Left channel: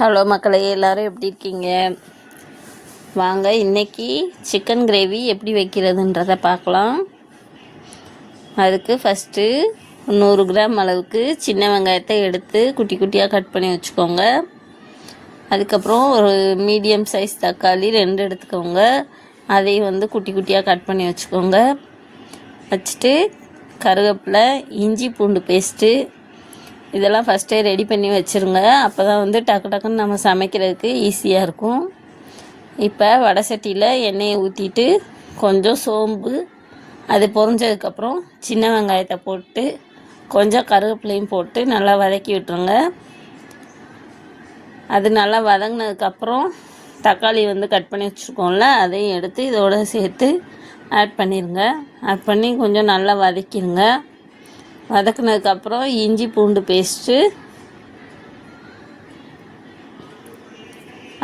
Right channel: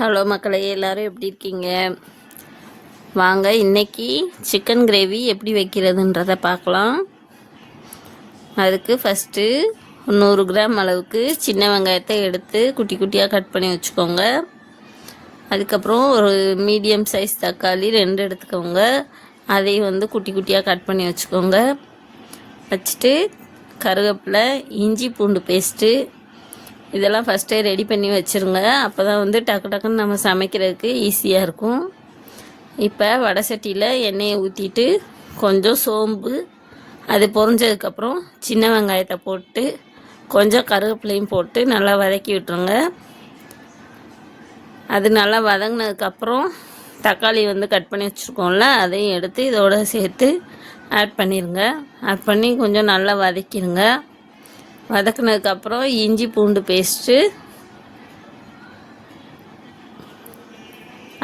Hello மக்களே, எல்லோரும் எப்படி இருக்கீங்க? வாங்க இன்றைக்கி சிக்கன் கிரேவி எப்படி வைக்கிறதுன்றதை பார்க்கலாம். அதுக்கு ஃபஸ்ட்டு 100 கிராம் அளவுக்கு சின்ன வெங்காயத்தை எடுத்து குட்டி குட்டியாக கட் பண்ணி வச்சுக்கோங்க. அதுக்கப்புறம் ஒரு மீடியம் சைஸ் தக்காளி 2 எடுத்துக்கோங்க. அதையும் குட்டி குட்டியாக கட் பண்ணி வச்சுக்கோங்க. வச்சுட்டு கருவேப்பிலை, இஞ்சி பூண்டு பேஸ்ட்டு இதெல்லாம் ஃபஸ்ட்டே ரெடி பண்ணி வச்சுருங்க. அப்போ தான் டக்கு டக்குன்னு நம்ம சமைக்கிறதுக்கு ஈஸியாக இருக்கும். இப்போ வடை சட்டியில் எண்ணெயை ஊற்றிட்டு கொஞ்சம் சோம்பு, அது பொரிஞ்சதுக்கப்புறம் சின்ன வெங்காயத்தை போட்டு கொஞ்சம் கருவேப்பிலையும் போட்டு நல்லா வதக்கி விட்டுருங்க. அது நல்லா வதங்கினதுக்கப்புறம் தக்காளி கட் பண்ணி வச்சுருக்கோம்ல, அதையும் எடுத்து இதோட சேர்த்து ஆட் பண்ணிடுங்க. ஆட் பண்ணி கொஞ்சம் நல்லா வதக்கிடுங்க. வதக்குனதுக்கப்புறம் இஞ்சி பூண்டு பேஸ்ட்டு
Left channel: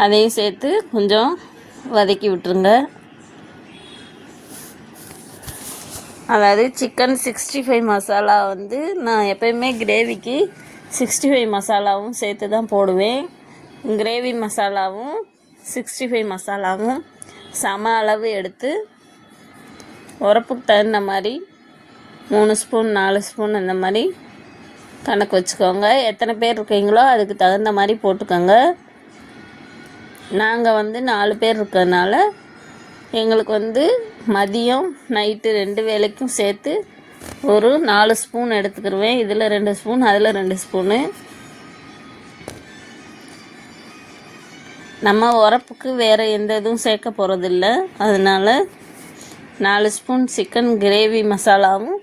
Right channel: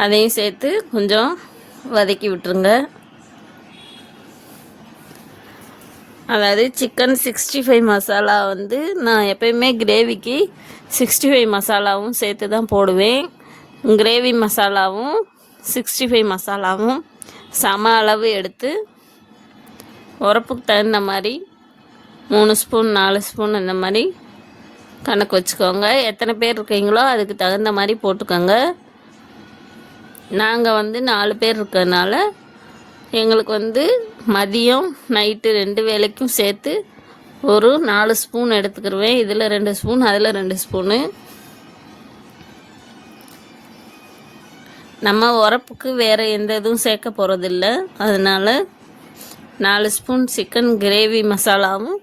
அதையும் சேர்த்து கொஞ்சம் வதக்கி விட்டுருங்க. அதாவது சிக்கன் 65 மசாலா நான் எப்போயுமே கிரேவிக்கு 65 மசாலாவும் சேர்த்து தான் போடுவேன். கிரேவி மசாலாவும் 65 மசாலாவும் சம அளவு எடுத்து உரப்புக்கு தகுந்த மாதிரி 3 ஸ்பூன் 4 ஸ்பூன் அந்த மாதிரி கணக்கு வச்சுக்கோங்க. எத்தனை பேர் இருக்கீங்களோ அதுக்கு தகுந்த மாதிரி போட்டுக்கோங்க. நாங்கள் 4 பேர் இருக்கிறதுனால எங்களுக்கு மதியம் நைட்டு 2 வேளைக்கும் சேர்த்து ஒரு 4 ஸ்பூன் எடுத்துக்கிடுவேன். இதில் 2 ஸ்பூன், அதில் 2 ஸ்பூனு. நம்ம உரப்புக்கு வேறு எந்த இதுவும் சேர்க்க போகிறதில்ல. அதனால் 4 ஸ்பூன் சிக்கன் கிரேவி மசாலாவும்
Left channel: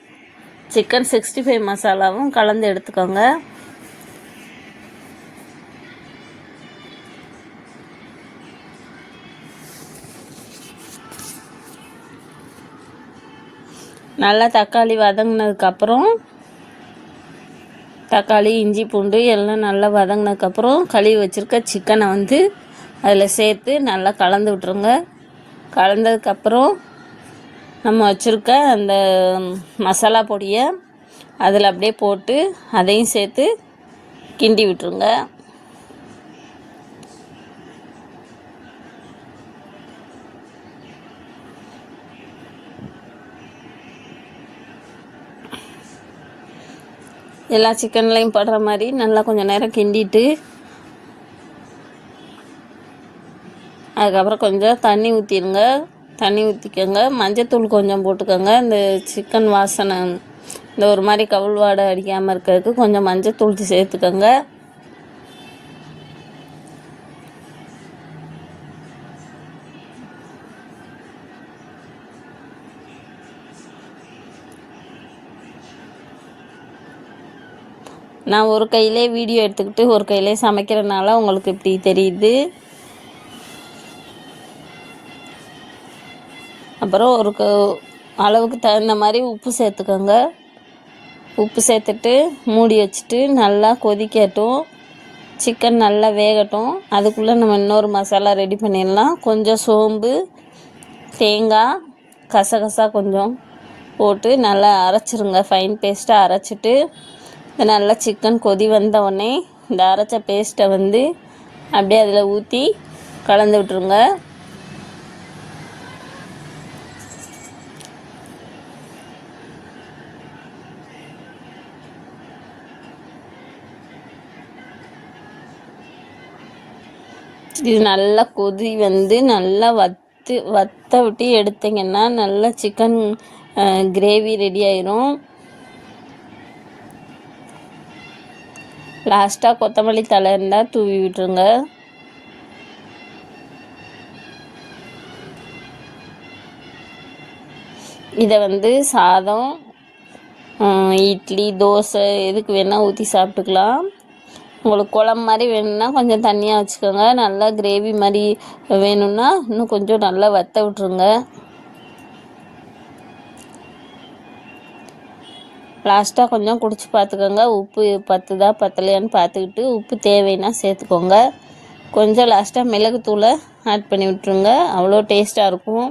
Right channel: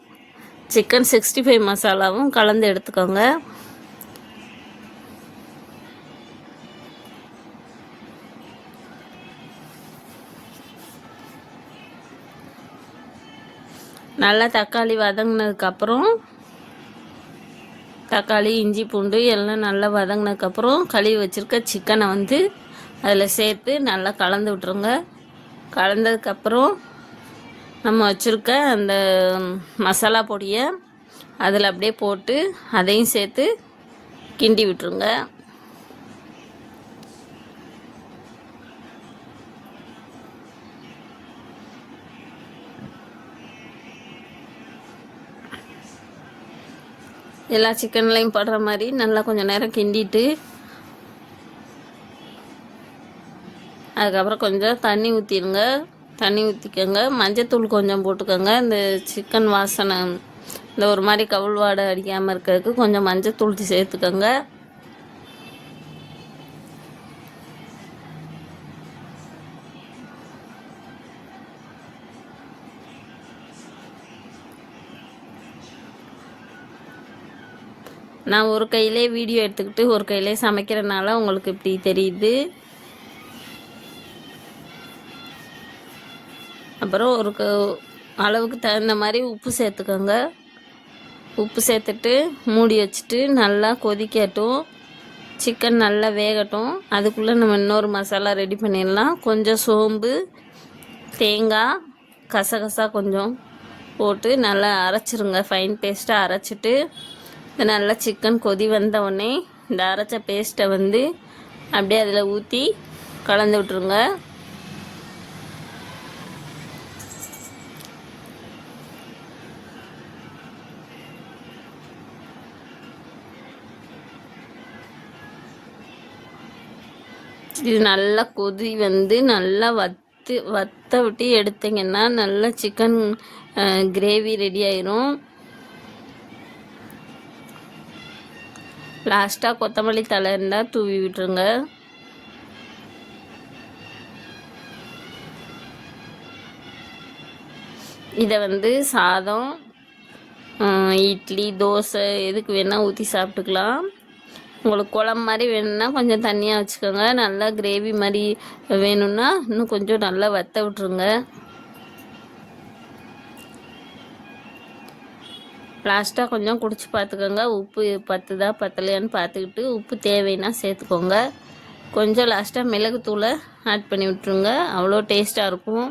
சிக்கன் 65 மசாலாவும் கலந்து எடுத்துக்கோங்க. நல்லா தக்காளி வதங்கினதுக்கப்புறம் தக்காளி, இஞ்சி பூண்டு எல்லாம் நல்லா வதங்கினதுக்கப்புறம் கழுவி வச்சுருக்க சிக்கனை அதில் சேர்த்து நல்லா கலந்து விட்ருங்க. கலந்ததுக்கப்புறம் நம்ம வச்சுருக்க அந்த மசாலா பொடியை அதில் அப்படியே போட்டு அதையும் சேர்த்து கிண்டி விட்டுருங்க. எல்லா சிக்கன்லையும் படுற மாதிரி நல்லா கொஞ்சம் நேரம் கிண்டிட்டு அதுக்கப்புறம் கொஞ்சம் தண்ணி ஊற்றிடுங்க. தண்ணி ஊற்றிக்கோங்க. மஞ்சத்தூள் கொஞ்சம் போட்டுக்கோங்க. இந்த சிக்கன் வாசனை இந்த ஒரு மாதிரி கவுள் வாடை அடிக்காமல் இருக்கிறதுக்கு கொஞ்சம் மஞ்சத்தூள் சேர்த்துக்கோங்க. நான் ஒரு கையிலே வீடியோ எடுத்துக்கிட்டு ஒரு கையிலே சமைக்கிறதுனால உங்களுக்கு இப்படி தெரியுது. அப்புறம் ஒரு அளவுக்கு தகுந்த மாதிரி உப்பு சேர்த்துக்கோங்க. உப்பு சேர்த்துட்டு மூடி வச்சுட்டு நல்லா கொதிக்கட்டும். சிக்கன் நல்லா வேகட்டும். அதுக்குள்ளே நம்ம இன்னொரு மசாலா ரெடி பண்ணிடலாம். கொஞ்சம் சோம்பு, தேங்காய், கசகசா கொஞ்சம் போட்டு நல்லா அரைச்சிருங்க. ஃபைன் பேஸ்ட்டாக அரைச்சிட்டு நல்லா சிக்கன் கொதி வந்தவுடனே இந்த அரைச்ச பேஸ்ட்டை அப்படியே அதில் ஊற்றி கலந்து விட்ருங்க. இது நல்லா கொதி நல்லா வத்த விட்டு எடுத்திங்கன்னா நல்லா சிக்கன் கிரேவி ரெடி ஆயிரும். லாஸ்ட்டாக கொத்தமல்லி தழை இருந்தால் தூவி விட்டுருங்க. இதை சாதம், இட்லி, தோசை எதுக்கு வேணால் ஊற்றி சாப்பிட்டுக்கலாம். உங்களுக்கு குழம்பு மாதிரி வேணும்னா கொஞ்சம் தண்ணியாக வச்சுக்கோங்க. நல்லா கிரேவி மாதிரி வேணும்னா இன்னும் கொஞ்சம் நல்லா வற்ற விட்ருங்க. லாஸ்ட்டாக கொஞ்சம் குடிச்சு பார்த்துக்கோங்க. உப்பு பத்துதா பத்தலையான்னு பார்த்துக்கிட்டு உப்பு தேவைன்னா சேர்த்துக்கோங்க. கொஞ்சம் லாஸ்ட்டாக மிளகுத்தூளை ஆட் பண்ணி விட்ருங்க. அவ்வளோ டேஸ்ட்டாக இருக்கும்.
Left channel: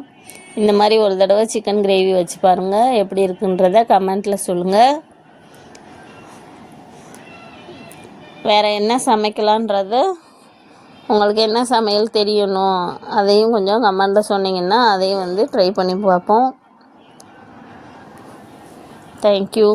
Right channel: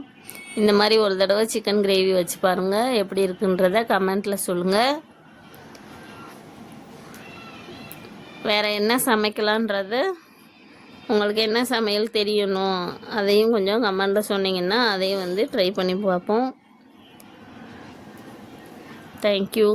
இந்த மாதிரி ஒரு தடவை சிக்கன் கிரேவி வச்சு பாருங்கள். எப்படி இருக்குன்றத கமெண்ட்டில் சொல்லுங்கள். வேறு என்ன சமைக்கலான்றத உங்களுக்கு என்ன சமையல் தெரியணும் அதையும் கொஞ்சம் கமெண்டில் சொன்னீங்கன்னா அதையும் வந்து ட்ரை பண்ணி பார்ப்போம். தேங்க்யூ.